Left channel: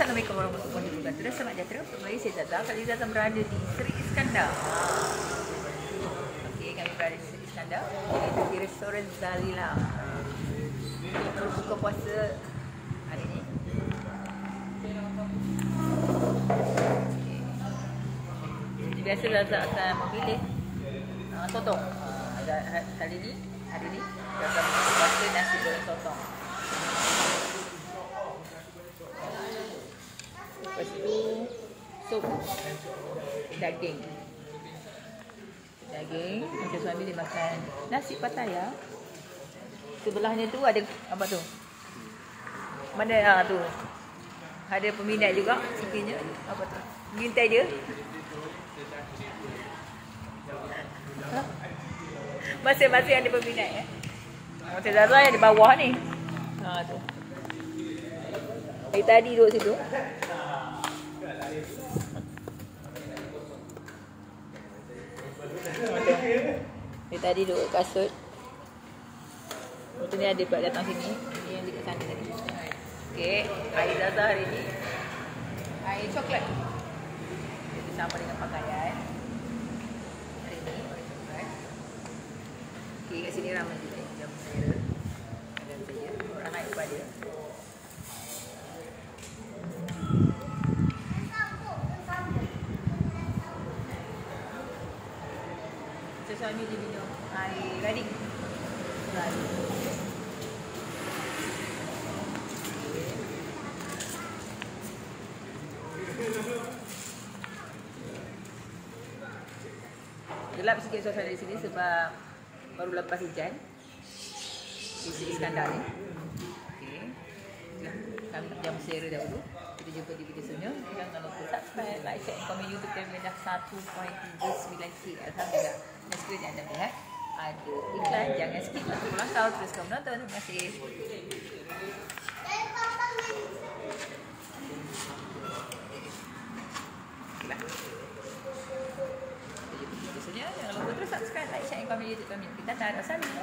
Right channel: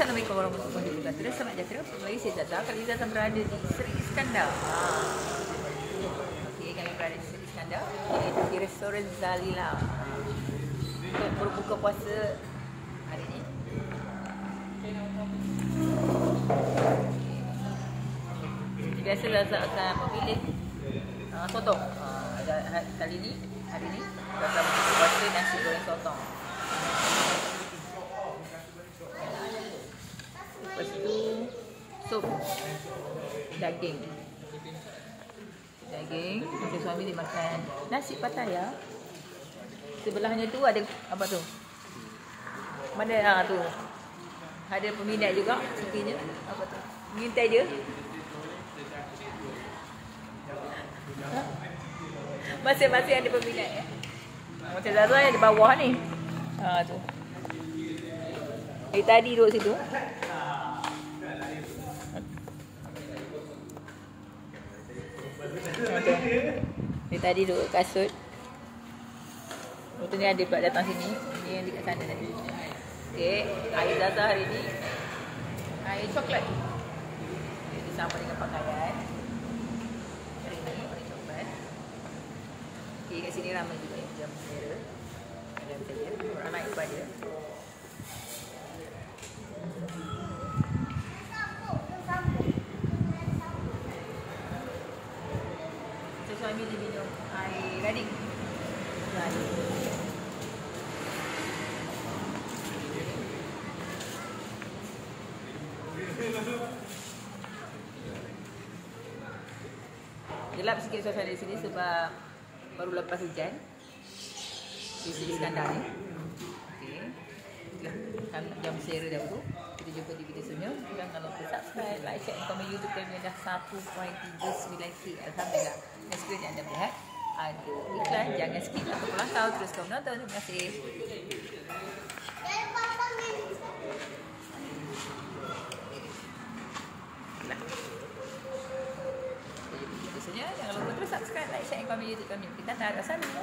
Assalamualaikum warahmatullahi wabarakatuh. Selamat datang kembali, saya Zaza. Kali ini Zaza berada di Seri Iskandar. Okey, kami berada di Seri Iskandar di restoran Zalila. Berbuka puasa hari ini. Biasa Zaza akan memilih sotong. Kali ini, hari ini Zaza berbuka puasa nasi goreng sotong. Lepas tu sup daging. Macam suami dia makan nasi Pattaya. Sebelahnya tu ada apa tu? Mana tu? Ada peminat juga sepertinya. Apa tu? Mengintai dia. Masing-masing ada peminat ya. Macam Zaza yang di bawah ni. Tu. Tadi duduk situ. Tadi duduk kasut. Lepas ni ada pula datang sini. Ini yang dekat sana tadi. Okey, air Zaza hari ni air coklat. Jadi sama dengan pakaian. Ini air coklat. Okey, kat sini ramai juga jam merah. Ada saja orang naik pada. Suami dia minum air gading. Gelap sikit suasana di sini sebab baru lepas hujan di Seri Iskandar ni. Kami jam share dahulu. Kita jumpa di video selanjutnya. Jangan lupa subscribe, like, share, komen YouTube kami dah 1.39k. Alhamdulillah. Skrin anda lihat ada iklan, jangan skip atau pulang tahu, terus kau menonton. Terima kasih. Jangan lupa terus subscribe, like, share, komen YouTube kami. Kita tak ada saling.